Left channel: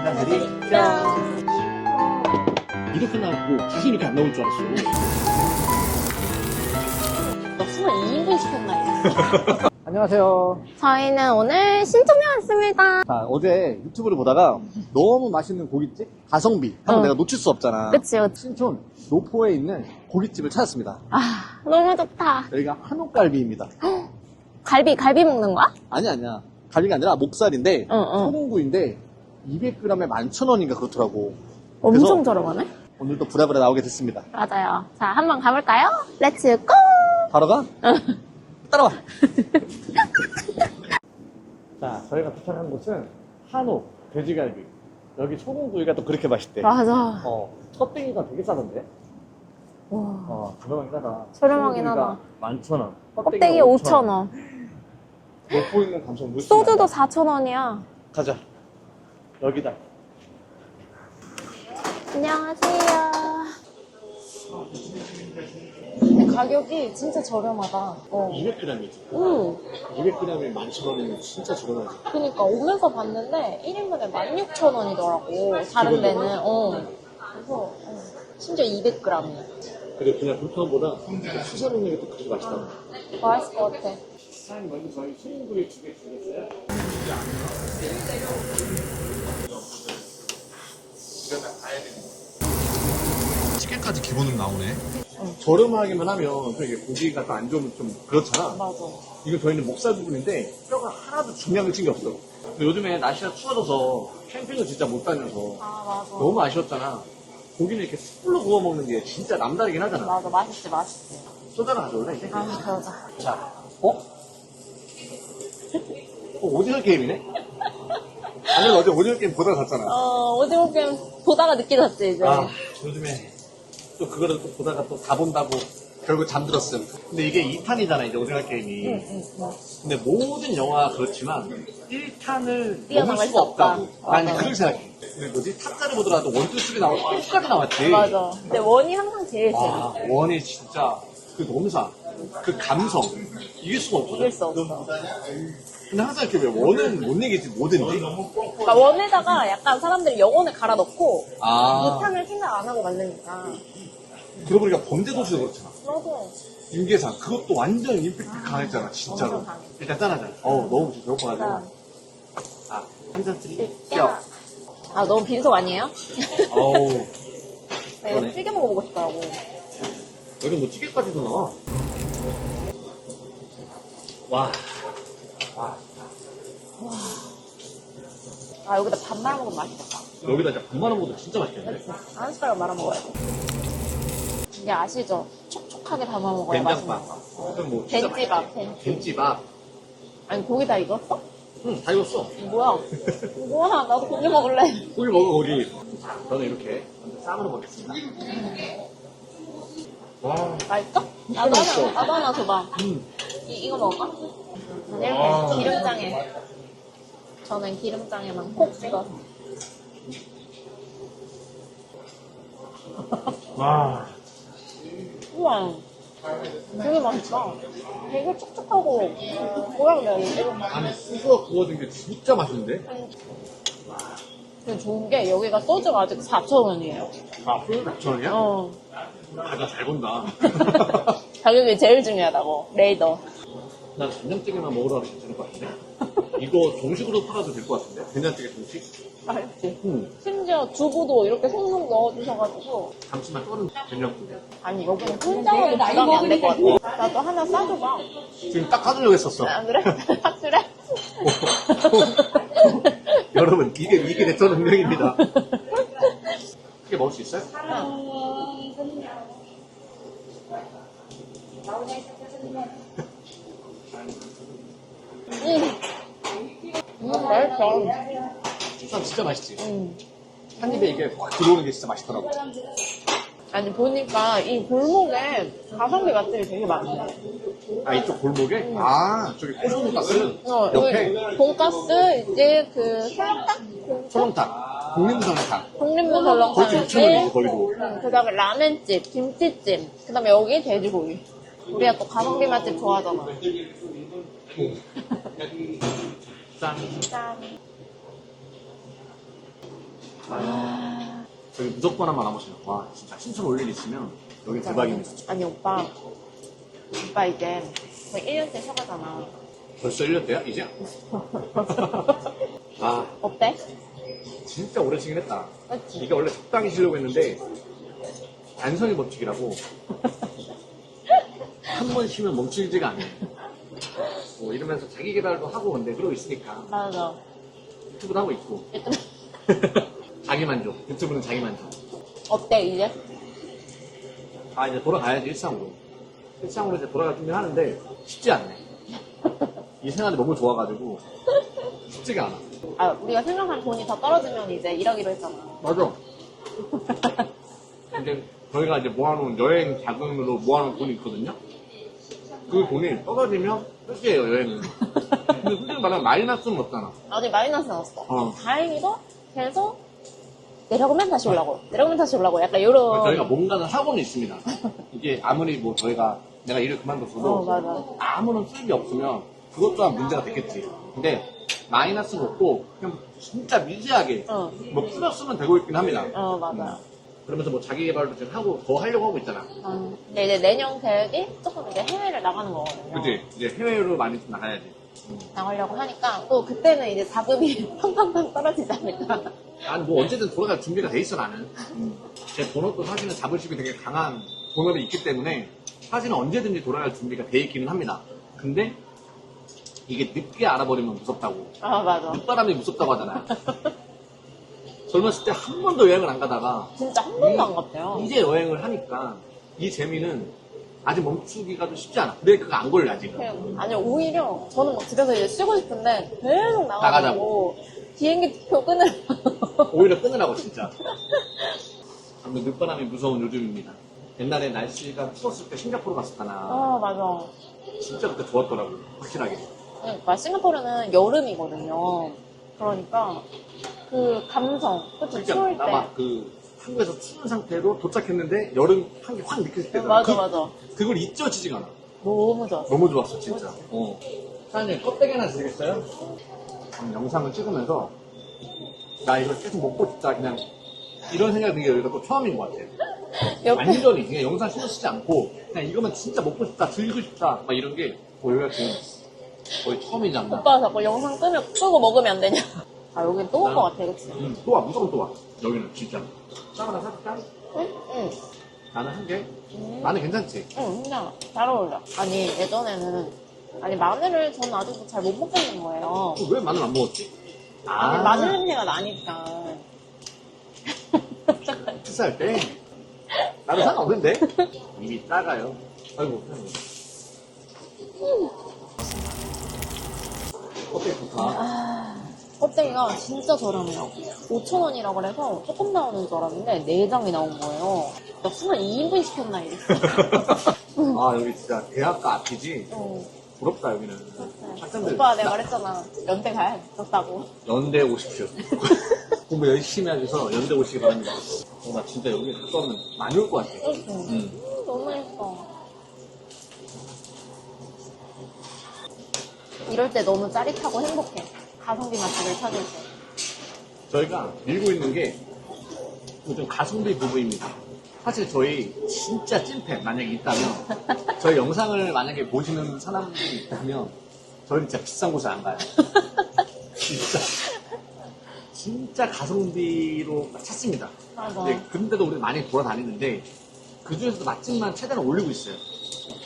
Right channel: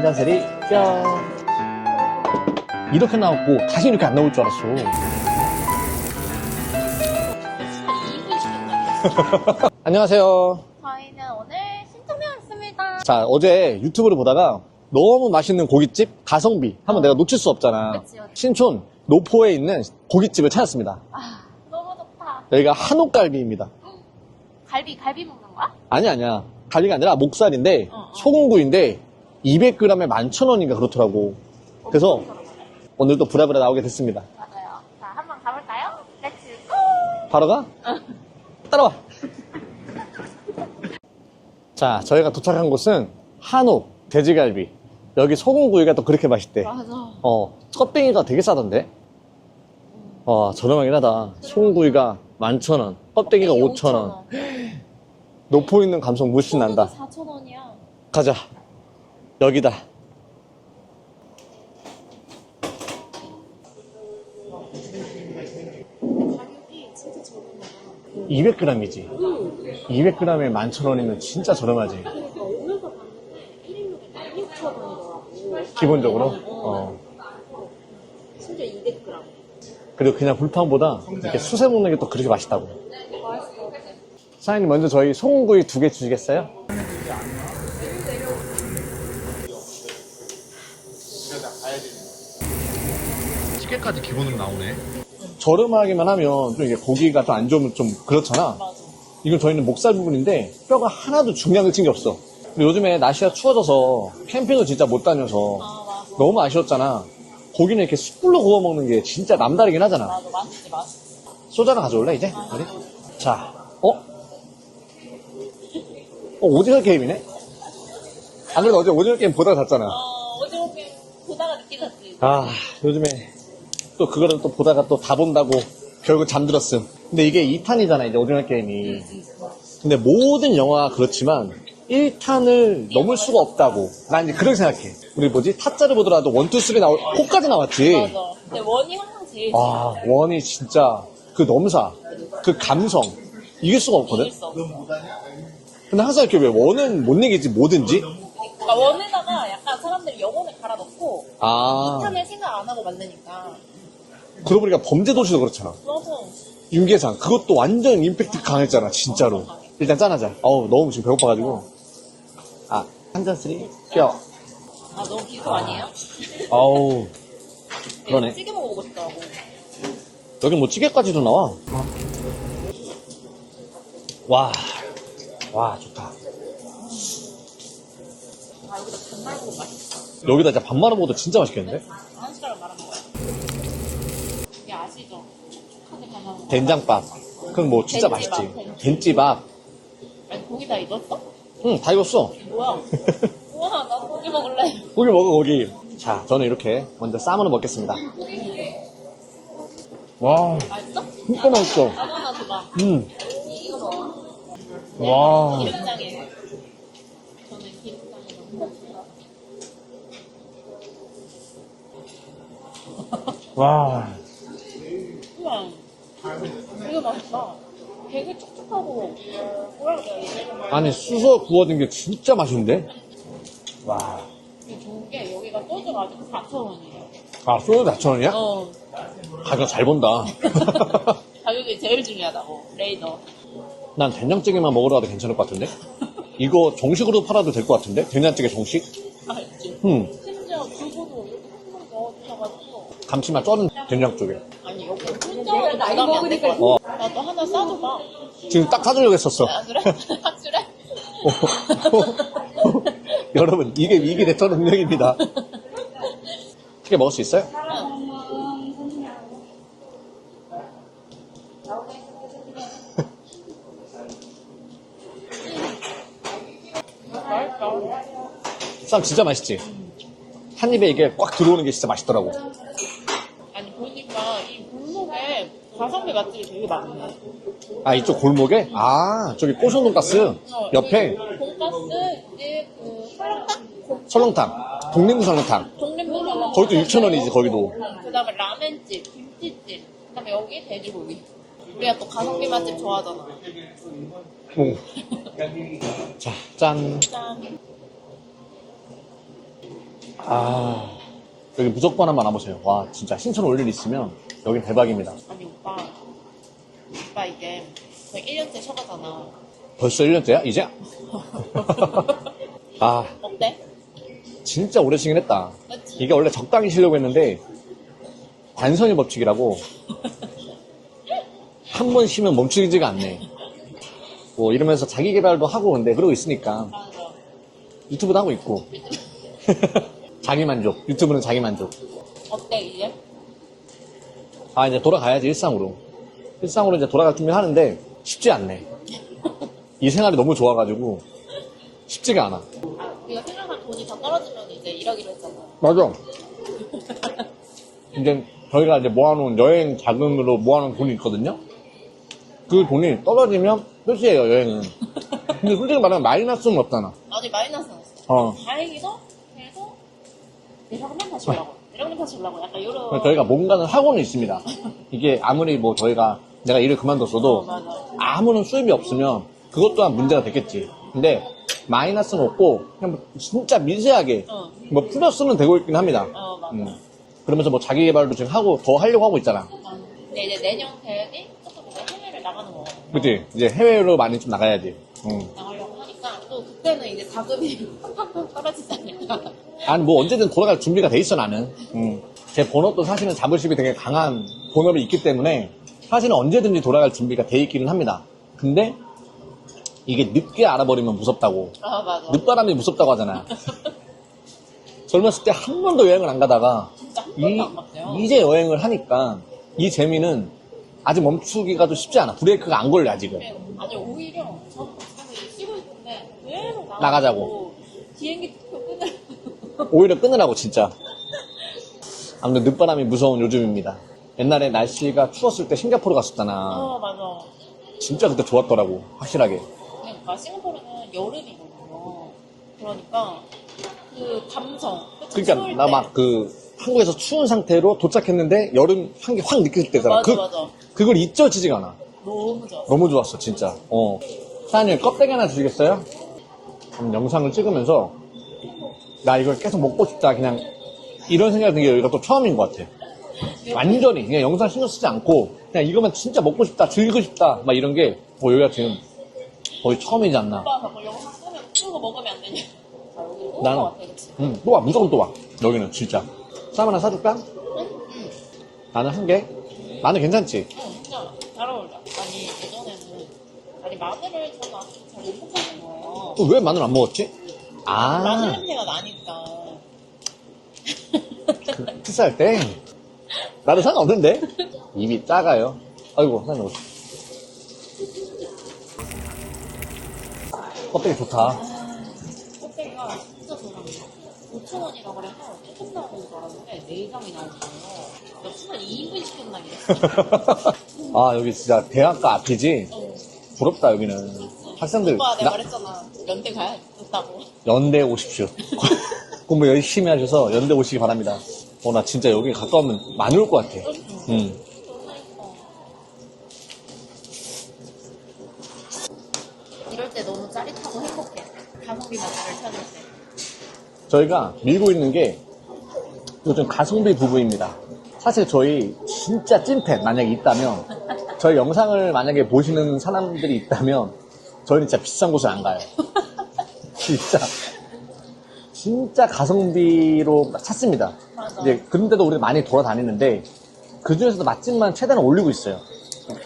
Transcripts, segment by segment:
한잔스리 짠. 이렇게 나왔고 다시 이렇게 안 나올 줄 알았어. 술 2인분 시켰나? 안녕하세요. 저희는 오늘 신촌에 왔습니다. 자, 어제 유튜브를 보다가 너무 맛있는 고깃집 가성비 한번 응. 내가 놓칠 수 없잖아. 그치, 그치. 신촌 노포에 있는 고깃집을 찾았습니다. 아, 너무 좋다. 여기가 한옥갈비입니다. 갈비, 갈비 먹는 거야? 아니 아니야. 갈비가 아니라 목살인데 응, 응. 소금구이인데 200g에 11,000원인가 그렇더라고. 엄청 저렴하네? 오늘도 부랴부랴 나오게 됐습니다. 맞아요. 자, 한번 가볼까요? 렛츠 고! 바로 가? 따라와. 자, 저희가 도착한 곳은 한옥 돼지갈비. 여기 소금구이가 또 그렇게 맛있대. 맞아. 어, 껍데기가 되게 싸던데? 와. 어, 저렴하긴 하다. 저렴하긴 소금구이가 하다. 11,000원. 껍데기가 껍데기 5,000원. 5,000원. 노포 있는 감성 무시 소주도 난다. 4,000원이야. 가자. 여기다. 안녕하세요. 가격이 진짜 저렴하다. 어. 200g이지. 응. 200g에 11,000원이면 진짜 저렴하지. 그러니까 오면서 봤는데 1인분에 16,000원이더라고. 기본적으로? 어. 어. 심지어 200g이야. 그리고 그냥 불판보다 이렇게 수세 먹는 게 또 그렇게 맛있다고. 맛있을 것 같아. 사장님 먼저 저희 소금구이 두 개 주시겠어요? 찌개까지 기본으로 나오네. 저렴하게만 하면 또 이게 고기가 또 안 좋으면 좀 그렇잖아. 맞아. 이건 저희는 목살 부분인데 뼈가 하나도 중량을 친게 없어. 근데 요즘에 날씨가 추워져서 캠핑을 진짜 못 다녀서 너무 아쉬웠잖아. 고기는 이렇게 숯불로 구워 먹는 게 진짜 남다르긴 하잖아. 맞아, 맛있지, 맛있지. 소주 하나 가져올래 이제? 아, 맞아. 자, 어? 어, 오징어 게임이네? 아니, 어제 오징어 게임 보다 잤잖아. 어, 오징어 게임 보다가 늦게 잤지, 이제. 아, 요즘에 또 그거를 또 보다가 또 다 본다고 결국 잠들었음. 근데 이게 2탄이잖아, 이제 오징어 게임이. 응, 응, 응. 근데 모든 영화가 그렇지만 1탄을 넘을 수가 수 없다. 없다고. 난 맞아. 그렇게 생각해. 우리 뭐지? 타짜를 보더라도 1, 2, 3 나올, 4까지 나왔지. 맞아. 근데 원이 항상 제일 와, 재밌어. 원이 진짜 그 넘사, 그 감성, 이길 수가 없거든? 이길 수 없어. 근데 항상 이렇게 왜 원은 못 내겠지, 뭐든지? 그러니까 원에다가 약간 사람들이 영혼을 갈아 넣고 아, 탄을 생각 안 하고 만드니까. 그러고 보니까 범죄도시도 그렇잖아. 윤계상, 그것도 완전 임팩트 강했잖아, 진짜로. 일단 짠하자. 어우, 너무 지금 배고파가지고. 아, 한잔 쓰리? 뼈. 아, 너무 빈속 아니에요? 어우, 그러네. 네, 찌개 먹어보고 싶더라고. 여긴 뭐 찌개까지도 나와. 와, 와, 좋다. 아, 여기다 밥 말아 먹으면 맛있겠다. 여기다 진짜 밥 말아 먹어도 진짜 맛있겠는데? 한 숟가락 말아 먹어야 돼. 이게 아시죠? 촉촉하게 담아 먹어야 된장밥. 그럼 뭐 진짜 된찌밥, 맛있지. 된찌밥. 아니, 고기 다 익었어? 응, 다 익었어. 뭐야? 뭐야, 나도 고기 먹을래. 고기 먹어, 고기. 자, 저는 이렇게 먼저 쌈으로 먹겠습니다. 와, 맛있어? 진짜 맛있어. 나도 하나 줘봐. 음. 이, 이거 먹어? 와. 기름장에. 저는 기름장에만 콕 찍어서. 와. 우와. 되게 맛있다. 되게 촉촉하고, 뭐라 그래야 되지? 아니, 수서 구워진 게 진짜 맛있는데? 와. 근데 좋은 게 여기가 소주가 아직 4,000원이에요. 아, 소주 4,000원이야? 어. 가격 잘 본다. 가격이 제일 중요하다고. 레이더. 난 된장찌개만 먹으러 가도 괜찮을 것 같은데? 이거 정식으로 팔아도 될 것 같은데? 된장찌개 정식? 맛있지? 음, 심지어 두부도 이렇게 송송 넣어주셔가지고. 감칠맛 쩌는 된장찌개. 아니, 여기는 먹어도 부담이 안 될 것 같아. 어. 나도 하나 싸줘봐. 지금 딱 사주려고 했었어. 안 그래? 확실해? 여러분, 이게 입이 대처 능력입니다. 찌개 먹을 수 있어요? 음, 맛있어. 쌈 진짜 맛있지? 음. 한 입에 이게 꽉 들어오는 게 진짜 맛있더라고. 아니, 보니까 이 골목에 가성비 맛집이 되게 많아. 아, 이쪽 골목에? 아, 저기 꼬션 돈가스 어, 옆에 여기 돈가스, 이제 그 설렁탕? 설렁탕, 독립 설렁탕. 독립문 설렁탕. 거기도 6,000원이지, 거기도. 그 다음에 라멘집, 김치찜. 그 다음에 여기 돼지고기. 우리가 또 가성비 맛집 좋아하잖아. 오. 자, 짠. 짠. 아. 여기 무조건 한번 와보세요. 와, 진짜 신촌 올 일 있으면 여기 대박입니다. 아니 오빠 오빠 이제 거의 1년째 쉬었잖아 벌써 1년째야? 이제? 아, 어때? 진짜 오래 쉬긴 했다. 그치? 이게 원래 적당히 쉬려고 했는데, 관성의 법칙이라고, 한 번 쉬면 멈추지가 않네. 뭐, 이러면서 자기 개발도 하고, 근데 그러고 있으니까, 맞아 유튜브도 하고 있고, 자기 만족. 유튜브는 자기 만족. 어때 이제? 아, 이제 돌아가야지, 일상으로. 일상으로 이제 돌아갈 준비를 하는데, 쉽지 않네. 이 생활이 너무 좋아가지고, 쉽지가 않아. 아 우리가 생각한 돈이 더 떨어지면 이제 일하기로 했잖아 맞아. 이제 저희가 이제 모아놓은 여행 자금으로 모아놓은 돈이 있거든요. 그 돈이 떨어지면 끝이에요 여행은. 근데 솔직히 말하면 마이너스는 없잖아. 아니 마이너스 났어 어. 다행히도 계속 내려오면 다시 올라고 내려오면 다시 올라고 약간 이런 저희가 뭔가는 하고는 있습니다. 이게 아무리 뭐 저희가 내가 일을 그만뒀어도 어, 맞아. 아무런 수입이 없으면 그것 또한 문제가 되겠지. 근데 마이너스는 없고 그냥 뭐 진짜 미세하게 어. 뭐 플러스는 되고 있긴 합니다. 어 맞아 음. 그러면서 뭐 자기 개발도 지금 하고 더 하려고 하고 있잖아. 어. 근데 이제 내년 계획이 조금 이제 해외를 나가는 거 그치? 이제 해외로 많이 좀 나가야지. 응. 나가려고 하니까 또 그때는 이제 자금이 팡팡팡 떨어지지 않을까 난 뭐 언제든 돌아갈 준비가 돼 있어, 나는. 응. 제 본업도 사실은 자부심이 되게 강한 본업이 있기 때문에 사실은 언제든지 돌아갈 준비가 돼 있기는 합니다. 근데 이게 늦게 알아버리면 무섭다고. 아 맞아 늦바람이 무섭다고 하잖아. 젊었을 때 한 번도 여행을 안 가다가 진짜 한 번도 안 갔대요 이제 여행을 하니까 이 재미는 아직 멈추기가 좀 쉽지 않아. 브레이크가 안 걸려, 아직은. 아니 오히려 저는 막 집에서 이제 쉬고 싶은데 계속 나가고 나가자고. 비행기 표 끊을 오히려 끊으라고 진짜. 아무튼 늦바람이 무서운 요즘입니다. 옛날에 날씨가 추웠을 때 싱가포르 갔었잖아. 어 맞아 진짜 그때 좋았더라고. 확실하게. 그러니까 싱가포르는 여름이거든요 그러니까 그 감성 그치 추울 그러니까 때 나 막 그 한국에서 추운 상태로 도착했는데 여름 향기 확 느낄 때잖아. 맞아 그, 맞아 그걸 잊혀지지가 않아. 너무 좋았어 너무 좋았어 진짜. 어. 사장님 껍데기 하나 주시겠어요? 그럼 영상을 찍으면서 나 이걸 계속 먹고 싶다 그냥 이런 생각이 든 게 여기가 또 처음인 것 같아. 옆에 완전히 그냥 영상 신경 쓰지 않고 그냥 이것만 진짜 먹고 싶다 즐기고 싶다 막 이런 게 뭐 여기 같은 거의 처음이지 않나 오빠가 자꾸 영상 끄면 끄고 먹으면 안 되냐 아 여긴 또온 난- 것 같아 그치? 응, 또 와, 무조건 또 와. 여기는 진짜. 쌈 하나 사줄까? 응 나는 한 개. 나는 괜찮지? 응, 그냥 잘 어울려. 아니, 예전에는, 아니, 마늘을 저는 아직도 잘 못 먹겠는 거예요. 또왜 마늘 안 먹었지? 아, 마늘 냄새가 나니까. 키스할 때. 나는 상관없는데? 입이 작아요. 아이고, 사장님. 껍데기 좋다. 아, 껍데기가 진짜 저렴해요. 5,000원이라고 그래서 조금 나오는 줄 알았는데, 4장이 나온 거예요. 나 22인분 시켰나, 이랬어. 아, 여기 진짜 대학가 앞이지? 응. 부럽다, 여기는. 학생들. 오빠 내가 나- 말했잖아. 연대 가야겠다고. 연대 오십시오. 공부 열심히 하셔서 연대 오시기 바랍니다. 어, 나 진짜 여기 가까우면 많이 올 것 같아. 응. 응. 너무 예뻐. 이럴 때 너무 짜릿하고 행복해. 가성비 맛집을 찾을 때. 저희가 밀고 있는 게 요즘 가성비 부부입니다. 사실 저희 진짜 찐팬 만약에 있다면 저희 영상을 만약에 보시는 사람들이 있다면 저희는 진짜 비싼 곳을 안 가요. 진짜 진짜 가성비로 찾습니다. 맞아. 이제 그런데도 우리가 많이 돌아다니는데 그 중에서도 맛집만 최대한 올리고 있어요.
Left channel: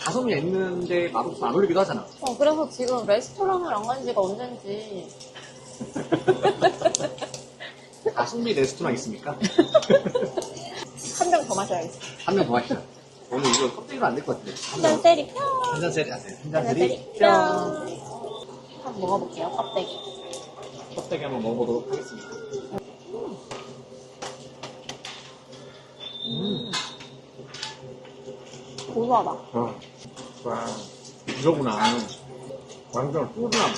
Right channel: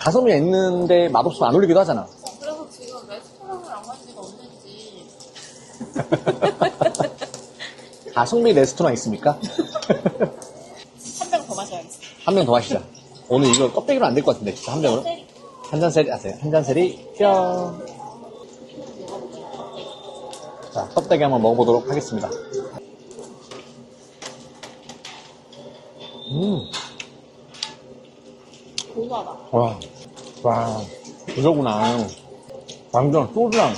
가성비 있는데 맛없으면 안 올리기도 하잖아. 어, 그래서 지금 레스토랑을 안 간 지가 언젠지. 가성비 레스토랑 있습니까? 한 병 더 마셔야겠어. 한명더 마시자. 오늘 이거 껍데기로 안 될 것 같은데 진짜 한 병으로. 때리 뿅! 한 잔 세리 하세요. 한 잔 세리 뿅. 한번 먹어볼게요, 껍데기. 자, 껍데기 한번 먹어보도록 하겠습니다. 음, 고소하다. 와, 와, 이거구나. 완전 소주랑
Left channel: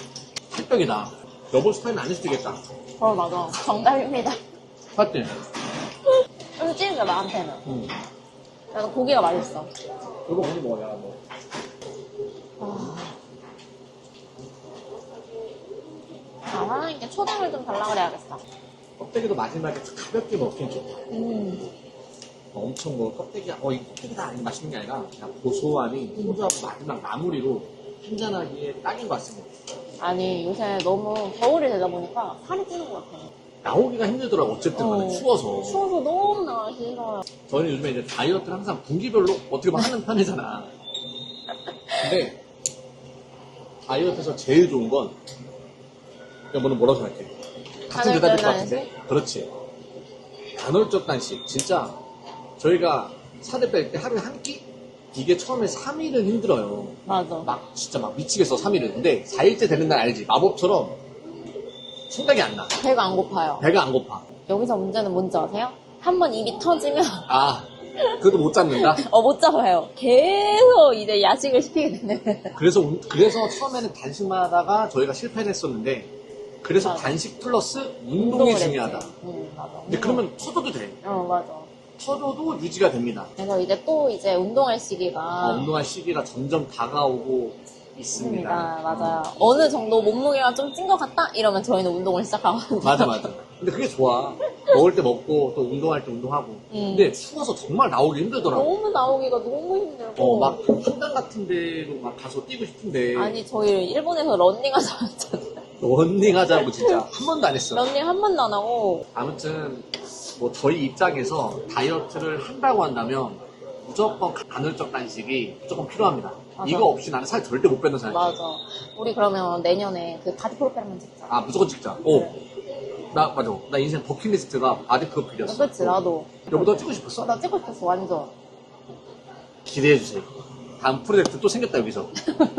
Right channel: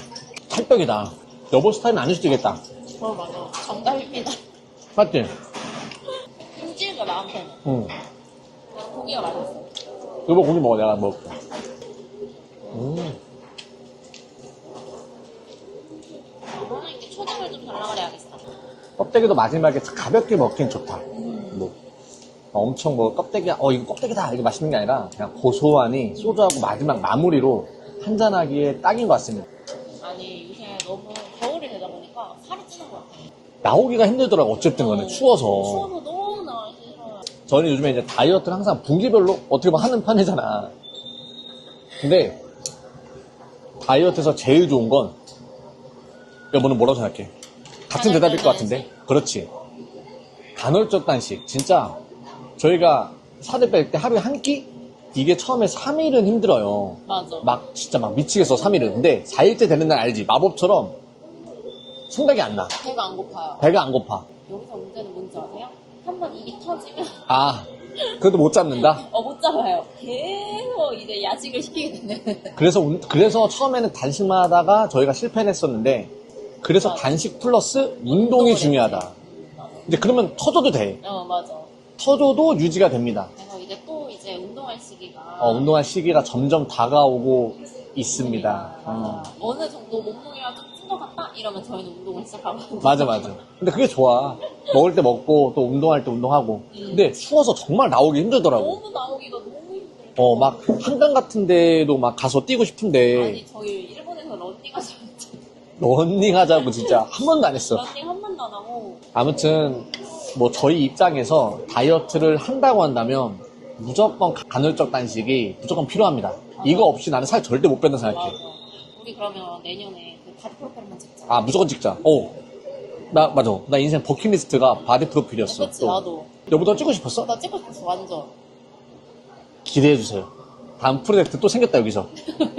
찰떡이다. 여보 스타일은 아닐 수도 있겠다. 어, 맞아. 정답입니다. 맞지? 쫄지가 나한테는. 응. 그래서 고기가 맛있어. 여보 고기 먹어, 내가 먹을게. 음, 아, 하나님께 초장을 좀 달라 그래야겠어. 껍데기도 마지막에 가볍게 먹긴 좋다. 음. 어, 엄청 뭐 껍데기야, 어, 이거 껍데기다. 이게 맛있는 게 아니라 그냥 고소하니 소주하고 마지막 마무리로 한잔하기에 딱인 것 같습니다. 아니 요새 너무 겨울이 되다 보니까 살이 찌는 것 같아요. 나오기가 힘들더라고, 어쨌든 간에 어, 추워서. 추워서 너무 나기 싫어요. 저는 요즘에 이제 다이어트를 항상 분기별로 어떻게 보면 하는 편이잖아. 근데 다이어트에서 제일 좋은 건 여보는 뭐라고 생각해? 같은 대답일 것 같은데? 그렇지. 간헐적 단식. 진짜 저희가 살을 뺄 때 하루에 한 끼? 이게 처음에 3일은 힘들어요. 맞아. 막 진짜 막 미치겠어 3일은. 근데 4일째 되는 날 알지? 마법처럼 생각이 안 나. 배가 안 고파요. 배가 안 고파. 여기서 문제는 뭔지 아세요? 한 번 입이 터지면 아, 그래도 못 잡는다? 어 못 잡아요. 계속 이제 야식을 시키게 되는. 그래서 운- 그래서 처음에는 단식만 하다가 저희가 실패를 했었는데 그래서 단식 플러스 운동이 중요하다. 음, 맞아. 근데 그러면 터져도 돼. 어 맞아. 터져도 유지가 됩니다. 그래서 이제 또 이제 운동할 시기가 어, 운동할 시기가 점점 다가오고 있습니다. 아, 맞아요. 어느 정도 몸무게가 좀 찐 것 같다? 이러면 저희는 운동을 시작하거든요. 맞아 맞아. 근데 그게 좋아. 먹을 때 먹고 또 운동할 때 운동하고. 음. 근데 추워서 정말 나오기 힘들더라고. 너무 나오기가 너무 힘들고. 어막 한강 같은 데도 막 가서 뛰고 싶은데 아니, 저희 일본에서 런닝하자 했잖아요. 런닝하자고 진짜 한 번도 안 했어. 런닝 한 번도 안 하고. 아무튼 뭐 저희 입장에서 다이어트를 한다고 한다면 무조건 간헐적 단식이 무조건 필요합니다. 맞아. 이거 없이 나는 살 절대 못 뺀다 생각해. 맞아. 우리 그러면 내년에 그 바디 프로그램 찍자. 아 무조건 찍자. 오. 나 맞아. 나 인생 버킷리스트가 바디 프로필이었어. 그치, 나도. 여보도 찍고 싶었어? 나 찍고 싶었어, 완전. 기대해 주세요. 다음 프로젝트 또 생겼다 여기서.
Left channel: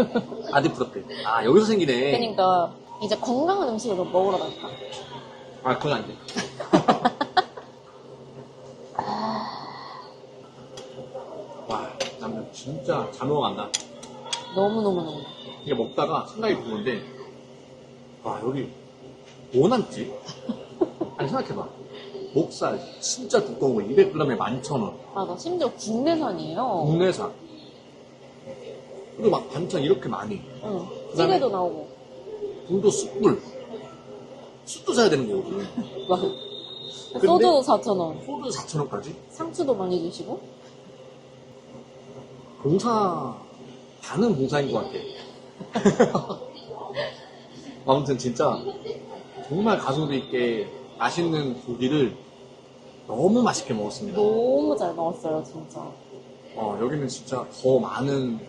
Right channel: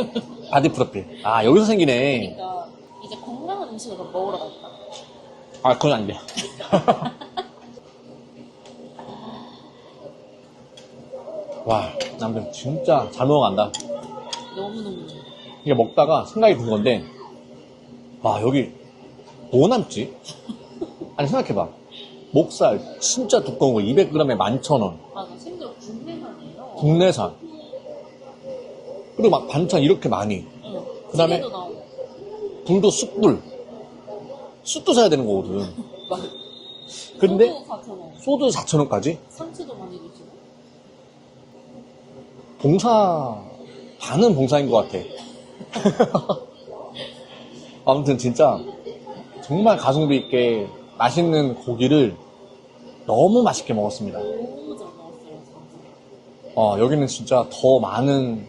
바디 프로필. 아 여기서 생기네. 그러니까 이제 건강한 음식을 좀 먹으러 갈까? 아 그건 안 돼. 와, 남들 진짜 잘 먹어간다. 너무너무너무. 이게 먹다가 생각이 든 건데, 와, 여기 뭐 남지? 아니, 생각해봐. 목살 진짜 두꺼운 거 200g에 11,000원. 맞아. 심지어 국내산이에요. 국내산. 그리고 막 반찬 이렇게 많이. 응. 그다음에- 찌개도 나오고. 불도 숯불. 숯도 사야 되는 거거든. 근데- 소주 4,000원. 소주 4,000원까지? 상추도 많이 드시고. 봉사, 반은 봉사인 것 같아. 아무튼 진짜 정말 가성비 있게 맛있는 고기를 너무 맛있게 먹었습니다. 너무 잘 나왔어요, 진짜. 어, 여기는 진짜 더 많은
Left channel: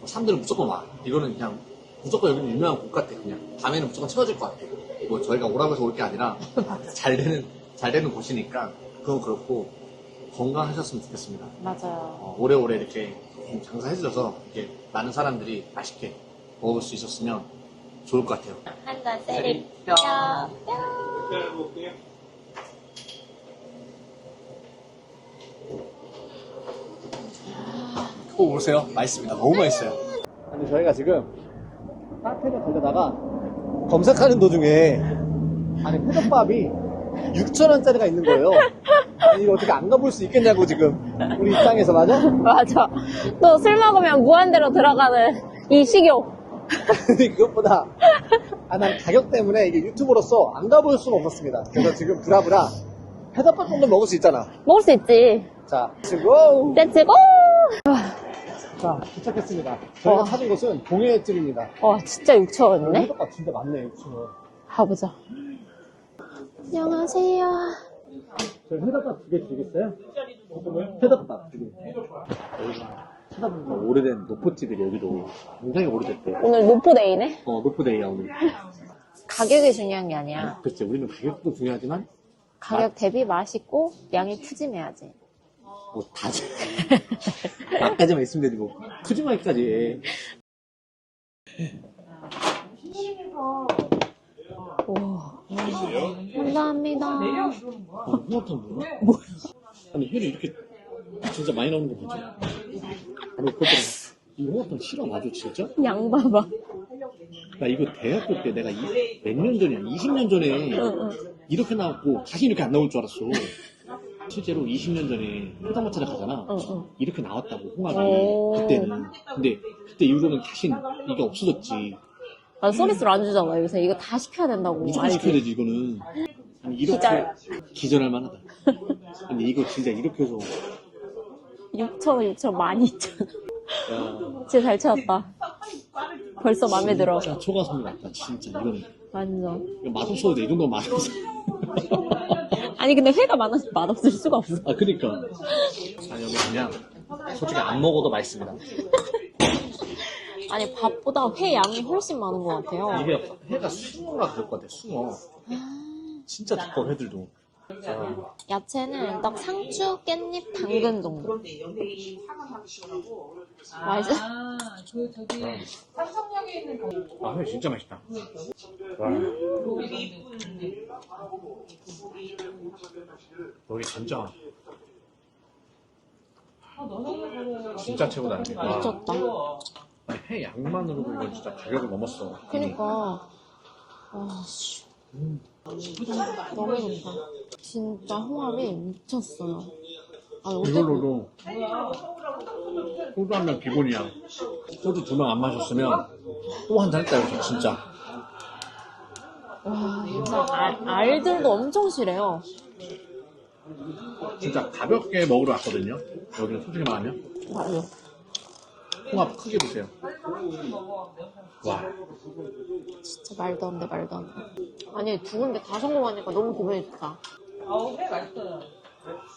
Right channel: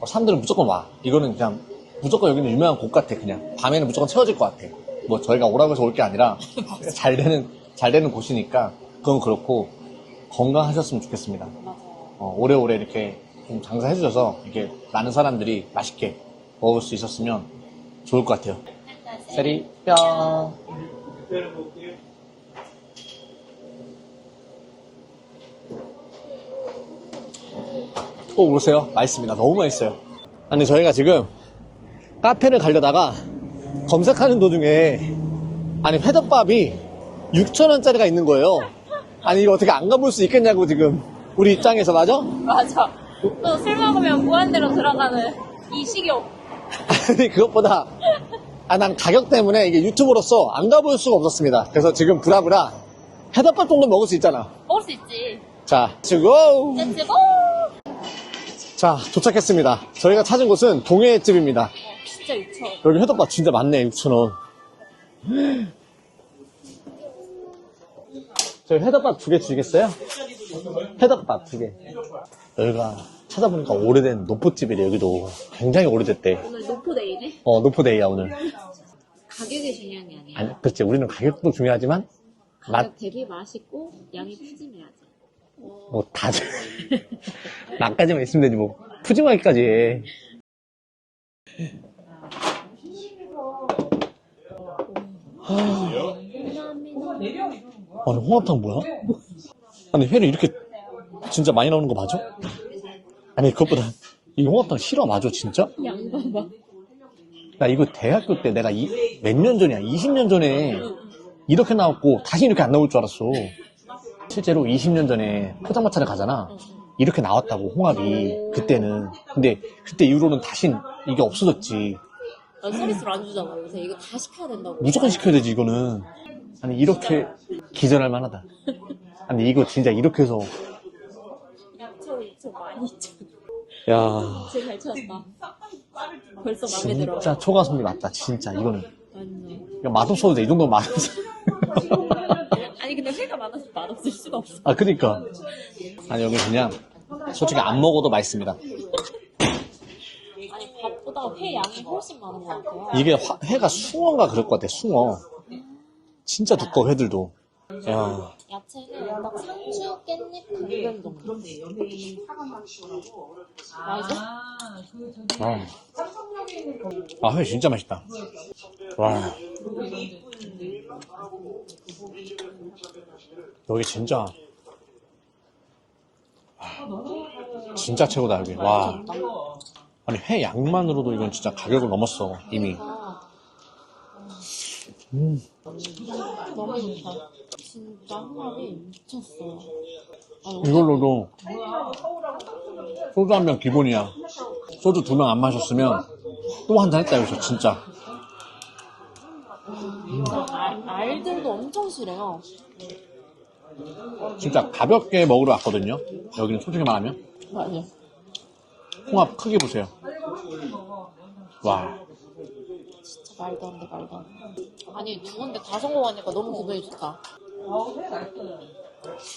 어, 사람들은 무조건 와. 이거는 그냥 무조건 여기는 유명한 곳 같아. 그냥 밤에는 무조건 채워질 것 같아. 뭐 저희가 오라고 해서 올 게 아니라 잘 되는 잘 되는 곳이니까 그건 그렇고 건강하셨으면 좋겠습니다. 맞아요. 어, 오래오래 이렇게 좀 장사해 주셔서 이렇게 많은 사람들이 맛있게 먹을 수 있었으면 좋을 것 같아요. 한잔 세리 뿅. 꼭 오세요. 맛있습니다. 너무 맛있어요. 아니 저희가 지금 카페를 가려다가 검색하는 도중에 아니 회덮밥이 6,000원짜리가 있는 거예요. 아니 이거 어떻게 안 가볼 수 있겠냐고 지금 우리 입장에서 맞아? 맞아. 또술 먹으면 무한대로 들어가는 이 식욕. 아니 그것보다 아, 난 가격 때문에 이게 유튜브로서 안 가볼 수가 없었습니다. 그래서 지금 브라브라 회덮밥 정도 먹을 수 있잖아. 먹을 수 있지. 자, 지고 렛츠고! 자 도착했습니다. 저희가 어. 찾은 곳은 동해집입니다. 와, 진짜 6,000원. 여기 회덮밥 진짜 많네 6,000원. 가보자. 안녕하세요. 저희 회덮밥 두 개 주시겠어요? 회덮밥 두 개. 여기가 찾아보니까 오래된 노포집이래 여기도 굉장히 오래됐대. 오늘 노포데이네? 어 노포데이야 오늘. 가격이 중요한 게 아니야. 아니, 그렇지 우리는 가격도 중요하지만 가격 대비 맛있고 양이 푸짐해야지. 뭐 다들 나까지만 있으면 되지 뭐 푸짐하기까지 해. 감사합니다. 아니 홍합탕 뭐야? 아니 회를 이렇게 진짜 많이 나오는 거 맞아? 아니 그것보다 이 홍합탕 싫어 맞아 진짜? 양 봐봐. 나 이거 대학교 때 내가 몇 년 전이야 20년 전에 이렇게 나왔고 다시 이렇게 안 나올 줄 알았어 실제로 20년 전에 포장마차를 가잖아. 이렇게 나왔다고 홍합이 오. 그때는 근데 그때 이후로는 다시 이게 없어졌지 난 서비스로 안 주잖아, 요새. 이거 다 시켜야 된다고. 무조건? 시켜야 되지 이거는 아니 이렇게 기절 할 만하다. 아니 이거 진짜 이렇게 해서 6천 6천 많이 있잖아. 야 진짜 잘 찾았다. 벌써 마음에 들어. 진짜 초가성비 맞다 진짜 이거는 완전. 이거 맛없어도 돼. 이 정도 맛없어. 아니 근데 회가 많아서 맛없을 수가 없어. 아 그니까 아니 여기 그냥 솔직히 안 먹어도 맛있습니다. 아니 밥보다 회 양이 훨씬 많은 것 같아요. 이게 화- 회가 숭어인가 그럴 것 같아 숭어. 진짜 두꺼워 회들도. 야 야채는 딱 상추, 깻잎, 당근 정도. 맛있어? 아, 아, 회 진짜 맛있다. 와. 여기 진짜. 와, 진짜 최고다, 여기. 와. 미쳤다. 아니, 회 양만으로도 이건 진짜 가격을 넘었어, 이미. 그러니까 와, 음. 너무 좋다. 진짜 홍합이 미쳤어요. 아, 여기 이걸로도 소주 한 병 기본이야. 소주 두 명 안 마셨으면 또 한 잔 했다, 여기서, 진짜. 알, 알들도 엄청 실해요. 진짜 가볍게 먹으러 왔거든요. 여기는 솔직히 말하면. 맞아. 홍합 크기 보세요. 와. 진짜 말도 안 돼, 말도 안 돼. 아니, 두 군데 다 성공하니까 너무 기분이 좋다. 아우 회 맛있어요.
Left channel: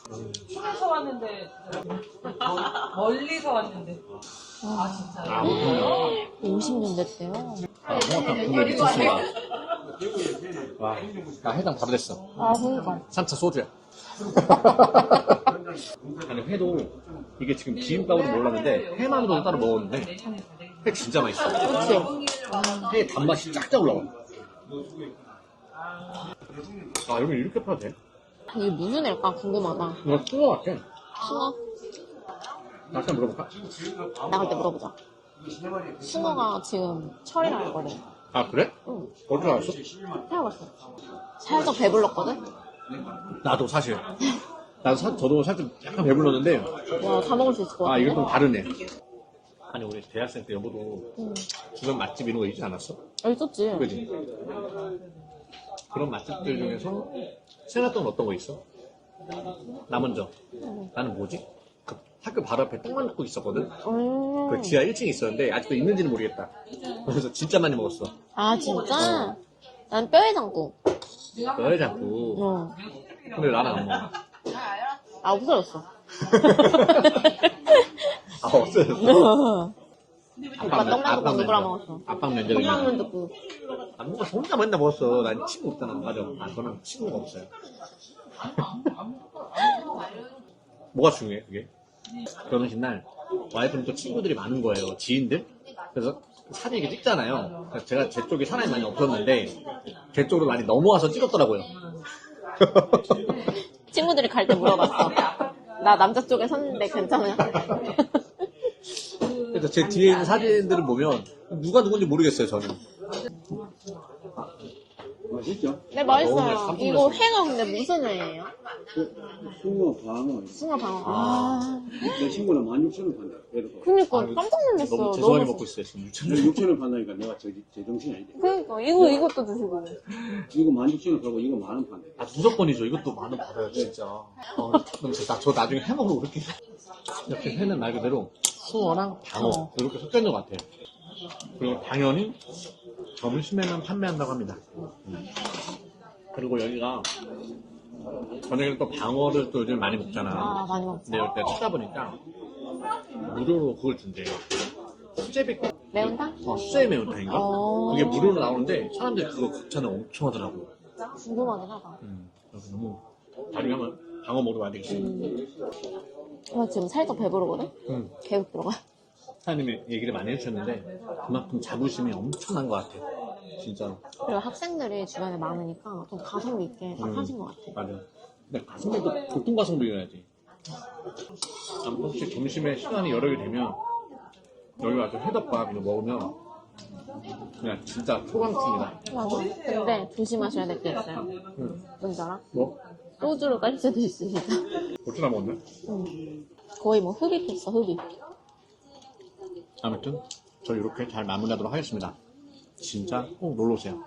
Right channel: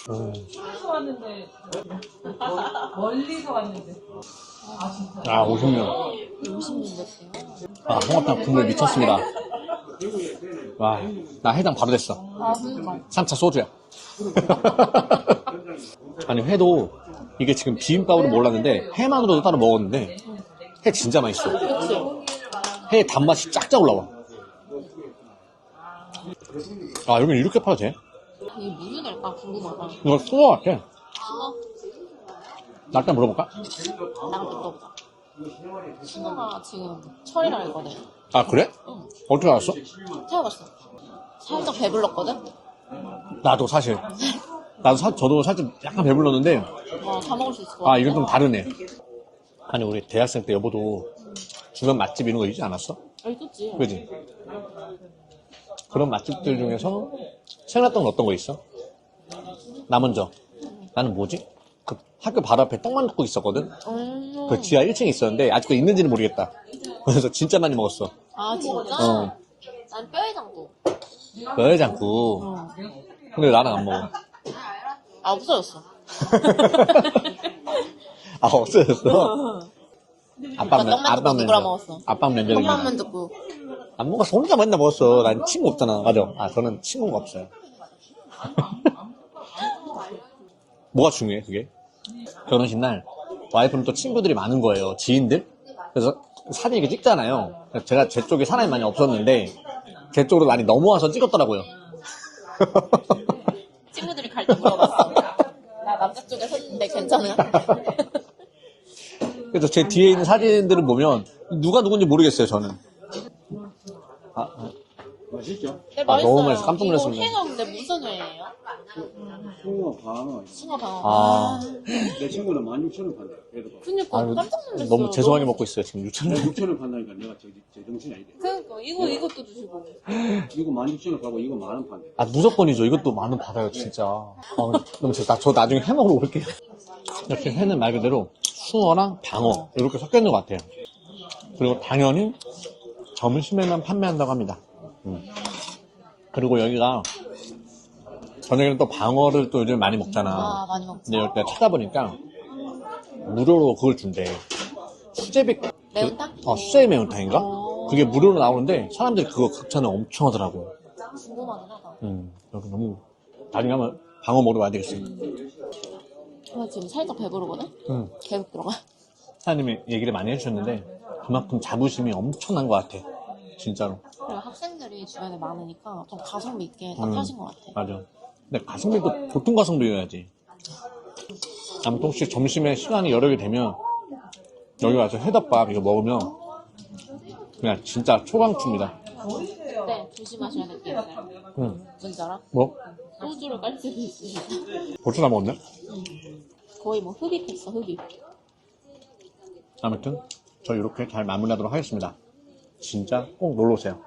음. 집에서 왔는데 멀리서 왔는데 아 진짜 아, 오십니다. 50년 됐대요. 아, 홍합탕 국물 미쳤습니다. 와, 나 해당 바로 됐어. 아, 진짜. 3차 소주야. 아니, 회도 이게 지금 비빔밥으로 몰랐는데 회만으로도 따로 먹었는데 회 진짜 맛있어. 회 단맛이 쫙쫙 올라와. 아, 여기 이렇게 팔아도 돼? 이게 무슨 애일까 궁금하다. 이거 숭어 같아. 숭어? 나한테 물어볼까? 나갈 때 물어보자. 숭어가 지금 철이라고 했거든. 아, 그래? 응, 어떻게 알았어? 태워봤어. 살짝 배불렀거든? 나도 사실. 난 사, 저도 살짝 약간 배불렀는데 와, 다 먹을 수 있을 것 같아. 아, 이건 좀 다르네. 아니, 우리 대학생 때 여보도 응. 주변 맛집 이런 거 있지 않았어? 있었지. 그지? 그런 맛집들 중에서 생각났던 건 어떤 거 있어? 나 먼저. 나는 뭐지? 그 학교 바로 앞에 떡만둣국 있었거든? 음. 그 지하 1층에 있었는데 아직도 있는지는 모르겠다. 그래서 진짜 많이 먹었어. 아, 진짜? 어. 난 뼈해장국. 뼈해장국. 응. 근데 나는 안 먹어. 아, 없어졌어. 아, 없어졌어. 오빠 떡만둣국 누구랑 먹었어? 아빠 맨날. 떡만만 듣고. 안 먹었어. 혼자 맨날 먹었어. 난 친구 없잖아. 맞아. 아, 저는 친구가 없어요. 뭐가 중요해, 그게? 결혼식 날 와이프는 또 친구들이 많은 거예요. 지인들? 그래서 사진 이렇게 찍잖아요. 그래서 제가 제 쪽에 사람이 많이 없었는데 제 쪽으로 많이 넘어와서 찍었더라고요. 친구들이 갈 때 물어봤어. 나 남자 쪽에 섰는데 괜찮아요? 그래서 제 뒤에 있는 사진들을 보면 누가 누군지 모르겠어요, 저는. 아, 맛있죠? 네, 아, 너무 맛있어. 깜짝 이거 놀랐습니다. 회가 근데 무슨 회예요? 숭어 방어. 숭어 방어. 아. 내 친구는 16,000원 판다. 얘도 봐. 그니까 아유, 깜짝 놀랐어. 너무 죄송하게 먹고 있어요, 지금 6천 내가 원. 6,000원 판다니까 내가 저, 제정신이 아니대. 그니까 이거 이것도 주시고. 이거 16,000원 팔고 이거 만원 판대. 아, 무조건이죠. 이것도 만 원 받아요, 진짜. 아, 그럼 진짜 나, 저 나중에 해 먹으러 올게요. 이렇게 회는 말 그대로 숭어랑 방어, 이렇게 섞여 있는 것 같아요. 그리고 당연히 점심에만 판매한다고 합니다. 음. 그리고 여기가 저녁에는 또 방어를 또 요즘 많이 먹잖아. 아 많이 먹지. 근데 내가 찾아보니까 무료로 그걸 준대. 수제비, 매운탕? 어, 수제비 매운탕인가? 어. 그게 무료로 나오는데 사람들이 그거 극찬을 엄청 하더라고. 궁금하긴 하다. 음, 여기 너무 나중에 한번 방어 먹으러 와야 되겠어요. 나 지금 살짝 배부르거든? 음. 계속 들어가. 사장님이 얘기를 많이 해주셨는데 그만큼 자부심이 엄청난 것 같아. 진짜로. 그리고 학생들이 주변에 많으니까 좀 가성비 있게 딱 음. 하신 것 같아. 맞아. 근데 가성비도 보통 가성비여야지. 아무튼 혹시 점심에 시간이 여러 개 되면 여기 와서 회덮밥 이거 먹으면 그냥 진짜 초강추입니다. 맞아. 근데 조심하셔야 될 게 있어요. 음. 뭔지 알아? 뭐? 소주로 깔 수도 있으니까. 벌써 다 먹었네? 응. 거의 뭐 흡입 했어, 흡입. 아무튼 저 이렇게 잘 마무리하도록 하겠습니다. 진짜 꼭 놀러 오세요.